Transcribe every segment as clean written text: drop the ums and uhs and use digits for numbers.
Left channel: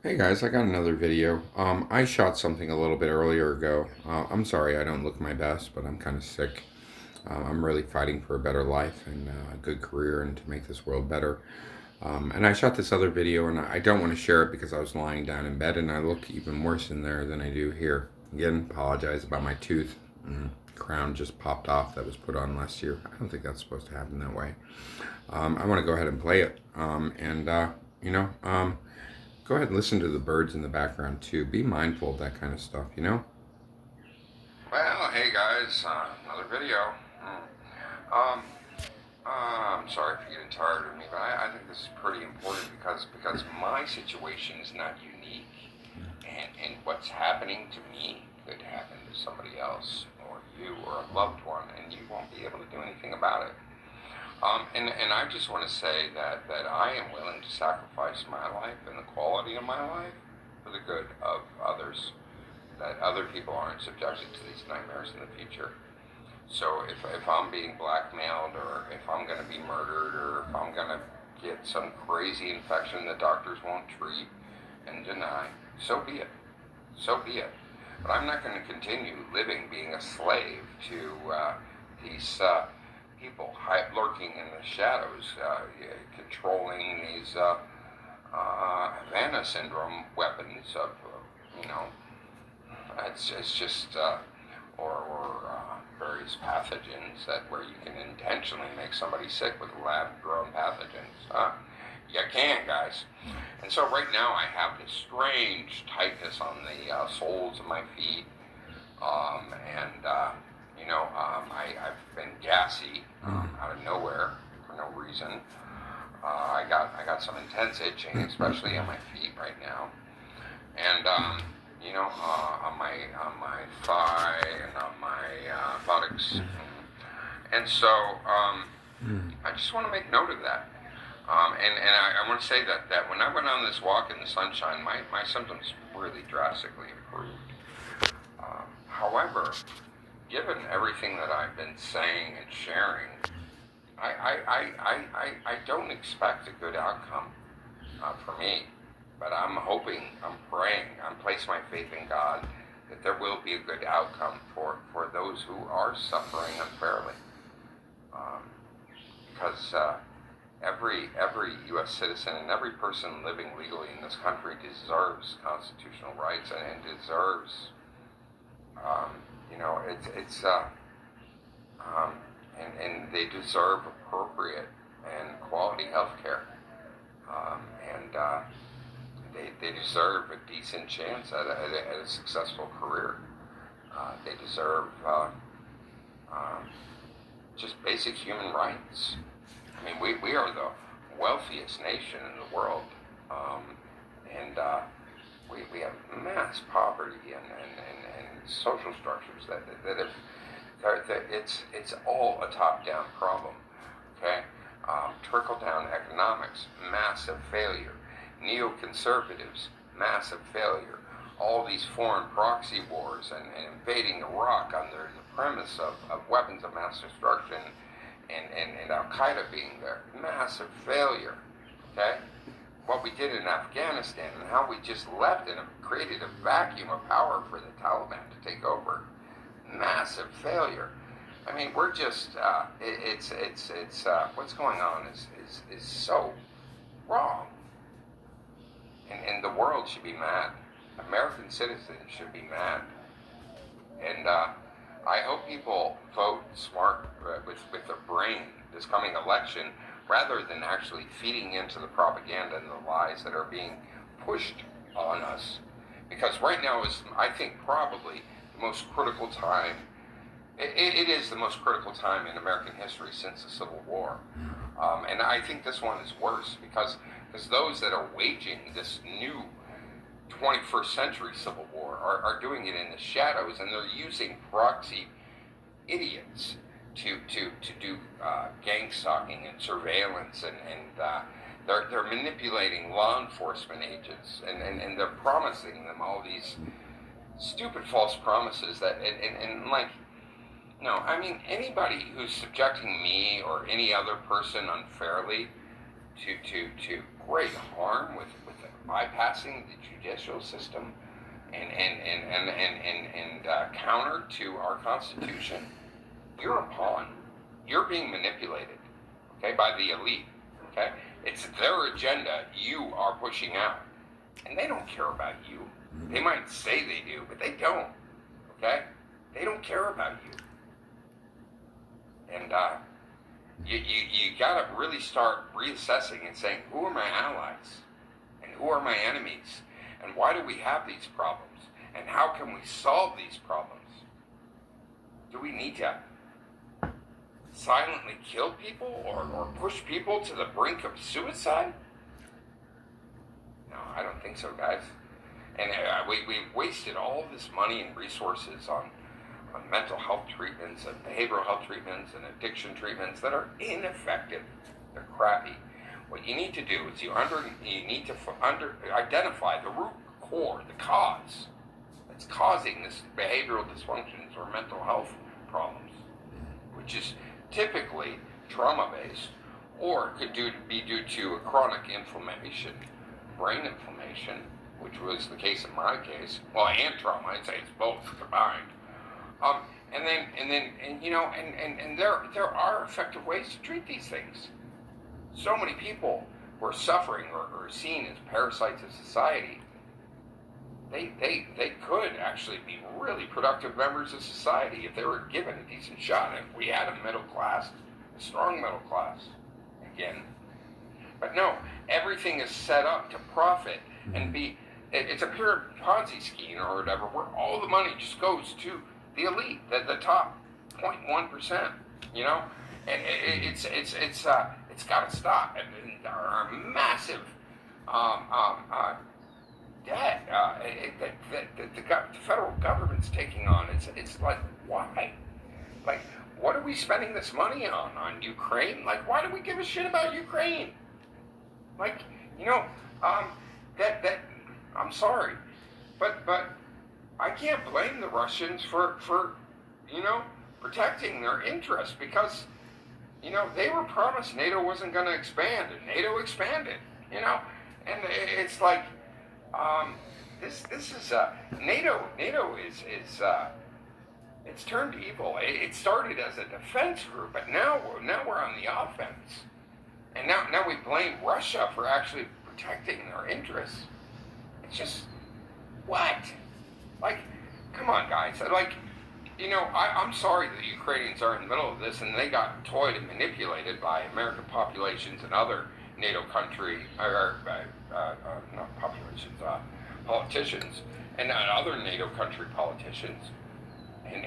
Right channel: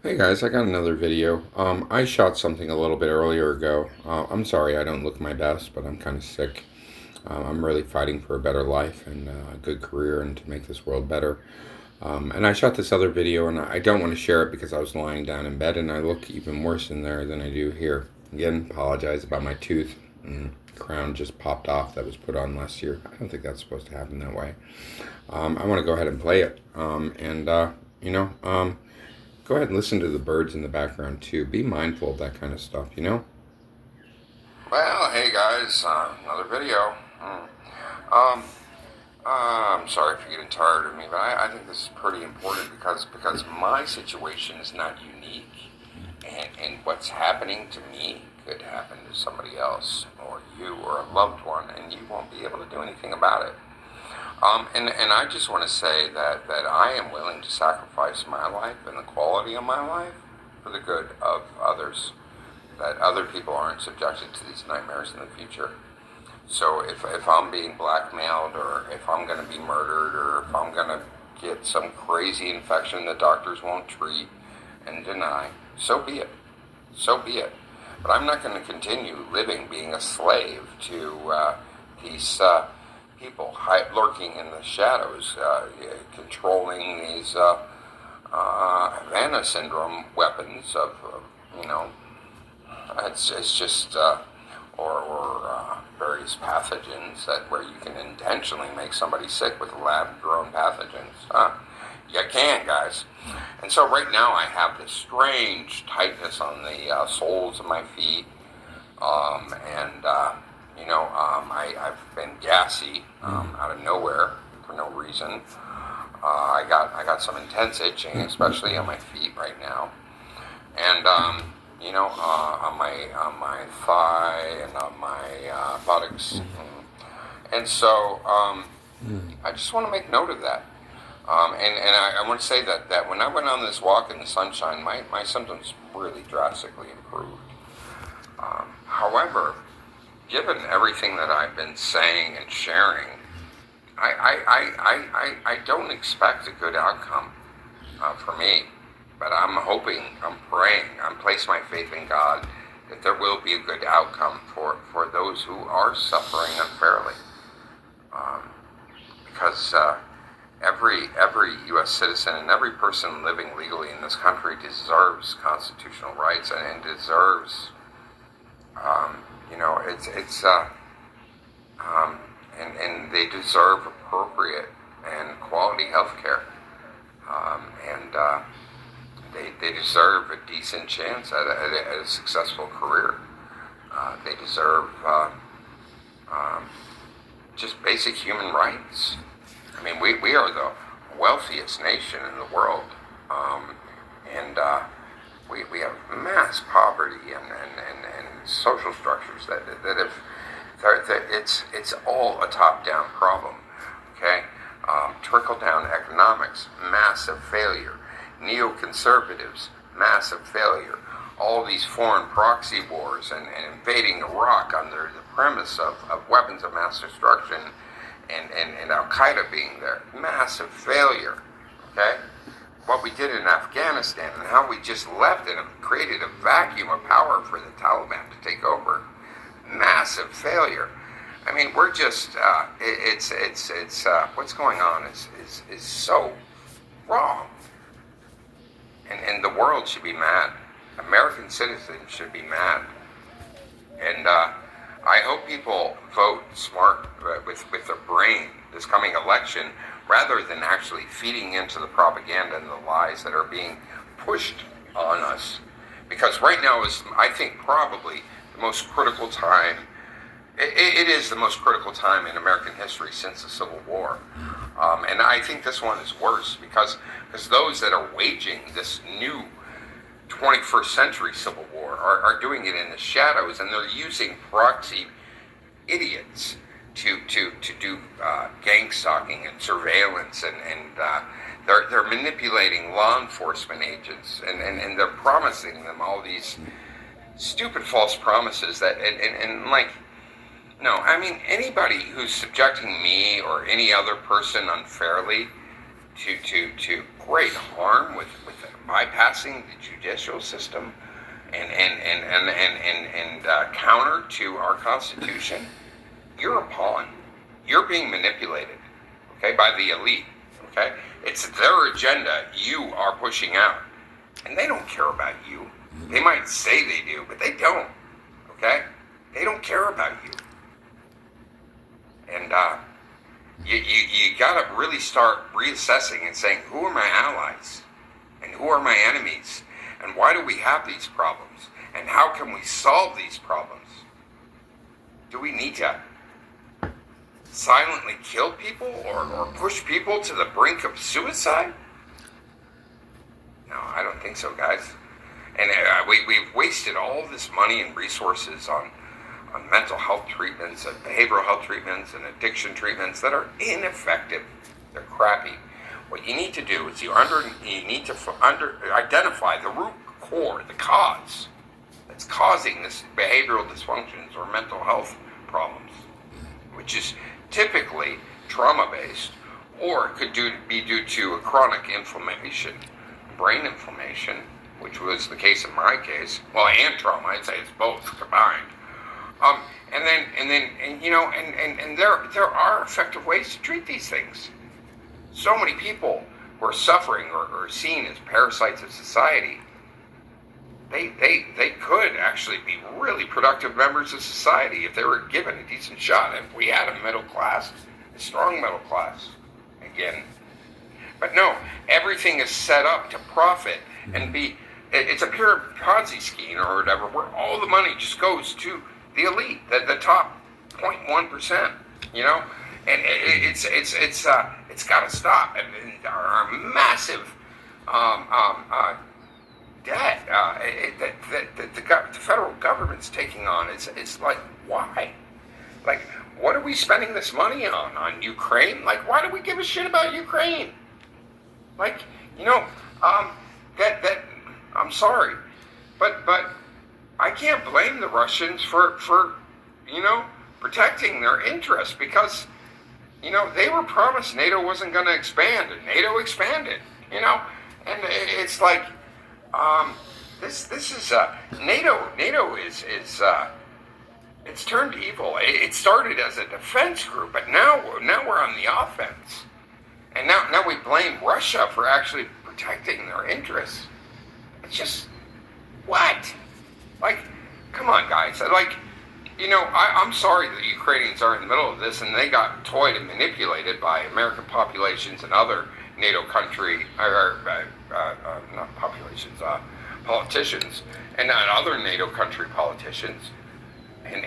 Hey guys, I got another video. I shot something a little bit earlier ago. I'm sorry I don't look my best, but I'm kind of sick. I'm really fighting for a better life and a good career and to make this world better. And I shot this other video and I don't want to share it because I was lying down in bed and I look even worse in there than I do here. Again, apologize about my tooth. Crown just popped off that was put on last year. I don't think that's supposed to happen that way. I want to go ahead and play it. You know, um, Go ahead and listen to the birds in the background too. Be mindful of that kind of stuff, you know? Well, hey guys, another video. Um, I'm sorry if you're getting tired of me, but I think this is pretty important because my situation is not unique, and what's happening to me could happen to somebody else or you or a loved one, and you won't be able to do anything about it. And I just want to say that I am willing to sacrifice my life and the quality of my life for the good of others, that other people aren't subjected to these nightmares in the future. So if I'm being blackmailed or if I'm going to be murdered or if I'm going to get some crazy infection that doctors won't treat and deny, so be it. So be it. But I'm not going to continue living being a slave to these people lurking in the shadows, controlling these Havana syndrome weapons of, you know, it's just, various pathogens that where you can intentionally make somebody sick with lab-grown pathogens. You can, guys. And so right now I have this strange tightness on the soles of my feet, and I've been gassy out of nowhere for no reason. I got some intense itching, especially on my feet right now, and on my thigh and on my buttocks, and so I just want to make note of that. I want to say that when I went on this walk in the sunshine, my symptoms really drastically improved. However, given everything that I've been saying and sharing, I don't expect a good outcome for me. But I'm hoping, I'm praying, I'm placing my faith in God that there will be a good outcome for those who are suffering unfairly. Because every U.S. citizen and every person living legally in this country deserves constitutional rights and deserves, and they deserve appropriate and quality health care. And they deserve a decent chance at a successful career. They deserve just basic human rights. I mean, we are the wealthiest nation in the world, and we have mass poverty and social structures that have it's all a top-down problem. Okay, trickle-down economics, massive failure. Neoconservatives, massive failure. All these foreign proxy wars and invading Iraq under the premise of weapons of mass destruction and Al-Qaeda being there, massive failure. Okay? What we did in Afghanistan and how we just left and created a vacuum of power for the Taliban to take over, massive failure. I mean, we're just, what's going on is so wrong. And the world should be mad. American citizens should be mad. And I hope people vote smart with their brain this coming election rather than actually feeding into the propaganda and the lies that are being pushed on us. Because right now is, I think, probably the most critical time. It is the most critical time in American history since the Civil War. And I think this one is worse because those that are waging this new 21st century Civil War are doing it in the shadows, and they're using proxy idiots to do gang stalking and surveillance, and they're manipulating law enforcement agents, and they're promising them all these stupid false promises that and like. No, I mean, anybody who's subjecting me or any other person unfairly to great harm with bypassing the judicial system and counter to our Constitution, you're a pawn. You're being manipulated, okay, by the elite, okay? It's their agenda you are pushing out. And they don't care about you. They might say they do, but they don't, okay? They don't care about you. And you got to really start reassessing and saying, who are my allies? And who are my enemies? And why do we have these problems? And how can we solve these problems? Do we need to silently kill people or push people to the brink of suicide? No, I don't think so, guys. And we've wasted all this money and resources on mental health treatments and behavioral health treatments and addiction treatments that are ineffective. They're crappy. What you need to do is you need to identify the root core, the cause that's causing this behavioral dysfunctions or mental health problems, which is typically trauma-based, or it could be due to a chronic inflammation, brain inflammation, which was the case in my case. Well, and trauma, I'd say it's both combined. And there are effective ways to treat these things. So many people who are suffering or seen as parasites of society, they could actually be really productive members of society if they were given a decent shot. If we had a middle class, a strong middle class, again. But no, everything is set up to profit and it's a pure Ponzi scheme or whatever, where all the money just goes to the elite, the top 0.1%, you know, and it's got to stop. And our massive debt that the federal government's taking on, it's like, why? Like, what are we spending this money on Ukraine? Like, why do we give a shit about Ukraine? Like, you know, that I'm sorry, but I can't blame the Russians for you know, protecting their interests, because, you know, they were promised NATO wasn't going to expand, and NATO expanded, you know, and it's like, this is NATO is it's turned evil. It started as a defense group, but now we're on the offense, and now we blame Russia for actually protecting their interests. It's just, what? Like, come on, guys. Like, you know, I'm sorry that the Ukrainians are in the middle of this and they got toyed and manipulated by American populations and other NATO country, not populations, politicians, and other NATO country politicians, and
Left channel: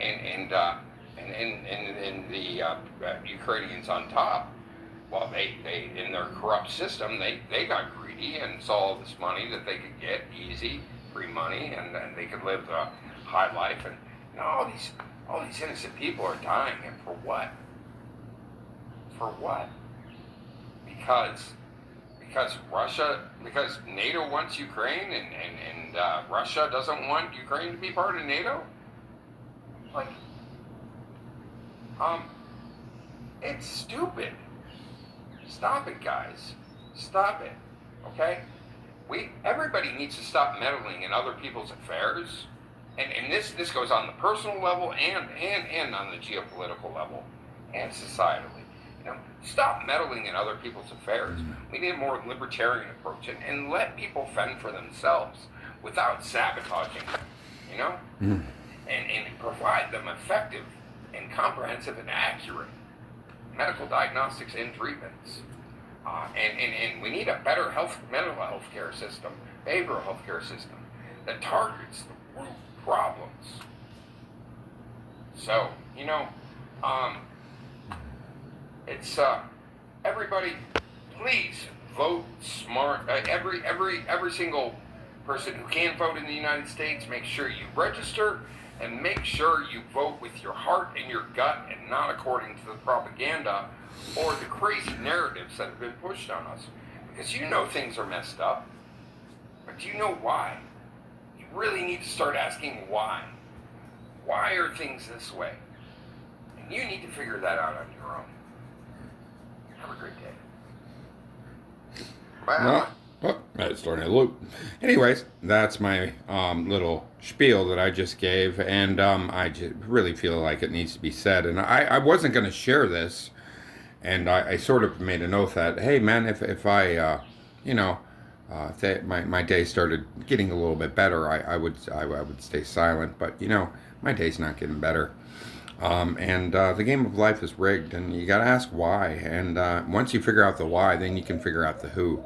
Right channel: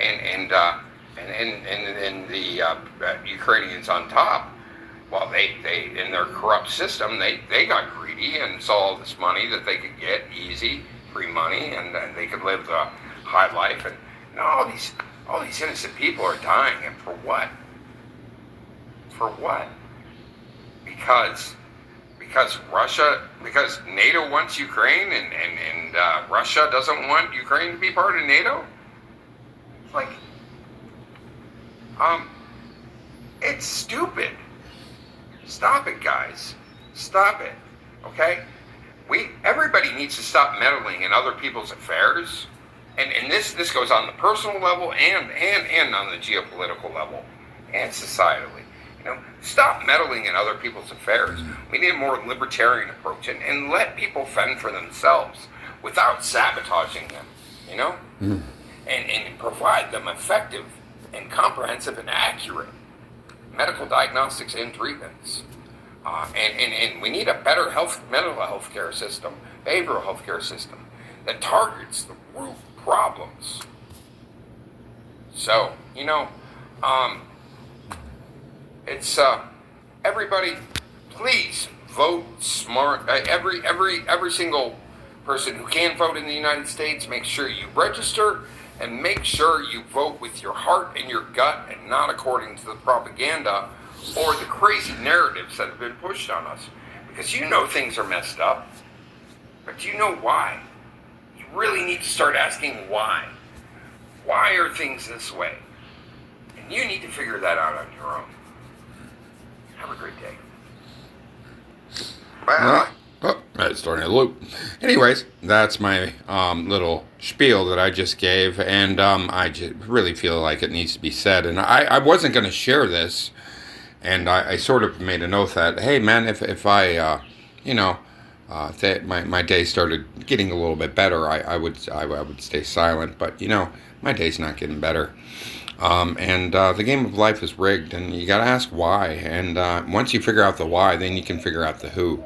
the Ukrainians on top. Well, they in their corrupt system, they got greedy and saw all this money that they could get easy, free money, and they could live the high life, and all these innocent people are dying, and for what? For what? Because NATO wants Ukraine, and Russia doesn't want Ukraine to be part of NATO. Like, it's stupid. Stop it, guys. Stop it. Okay? Everybody needs to stop meddling in other people's affairs. And this goes on the personal level and on the geopolitical level and societally. You know, stop meddling in other people's affairs. We need a more libertarian approach and let people fend for themselves without sabotaging them, you know? And provide them effective and comprehensive and accurate medical diagnostics and treatments. And we need a better mental health care system, behavioral health care system that targets the root problems. So, you know, it's everybody, please vote smart. Every single person who can vote in the United States, make sure you register and make sure you vote with your heart and your gut and not according to the propaganda or the crazy narratives that have been pushed on us. Because you know things are messed up, but do you know why? You really need to start asking why. Why are things this way? And you need to figure that out on your own. Have a great day. Bye. Starting to loop. Anyways, that's my little spiel that I just gave, and I just really feel like it needs to be said. And I wasn't going to share this, and I sort of made an oath that, hey, man, if I, you know, my day started getting a little bit better, I would stay silent. But my day's not getting better. And the game of life is rigged, and you got to ask why. And once you figure out the why, then you can figure out the who.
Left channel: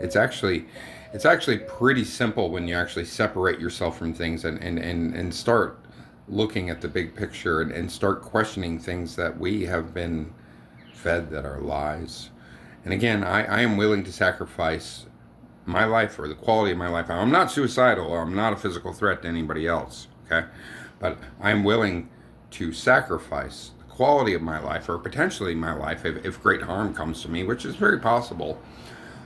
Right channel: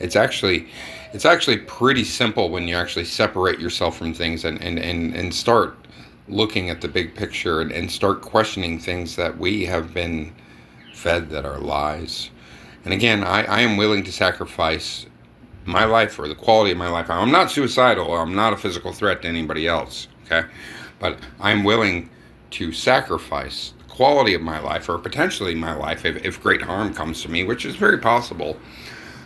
It's actually it's actually pretty simple when you actually separate yourself from things and start looking at the big picture and start questioning things that we have been fed that are lies. And again, I am willing to sacrifice my life or the quality of my life. I'm not suicidal. I'm not a physical threat to anybody else. Okay, but I'm willing to sacrifice the quality of my life or potentially my life if great harm comes to me, which is very possible,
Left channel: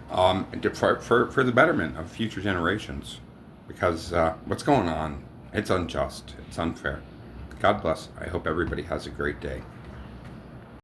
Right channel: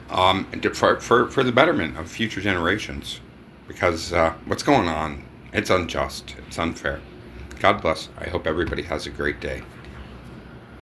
for the betterment of future generations. Because what's going on, it's unjust, it's unfair. God bless. I hope everybody has a great day.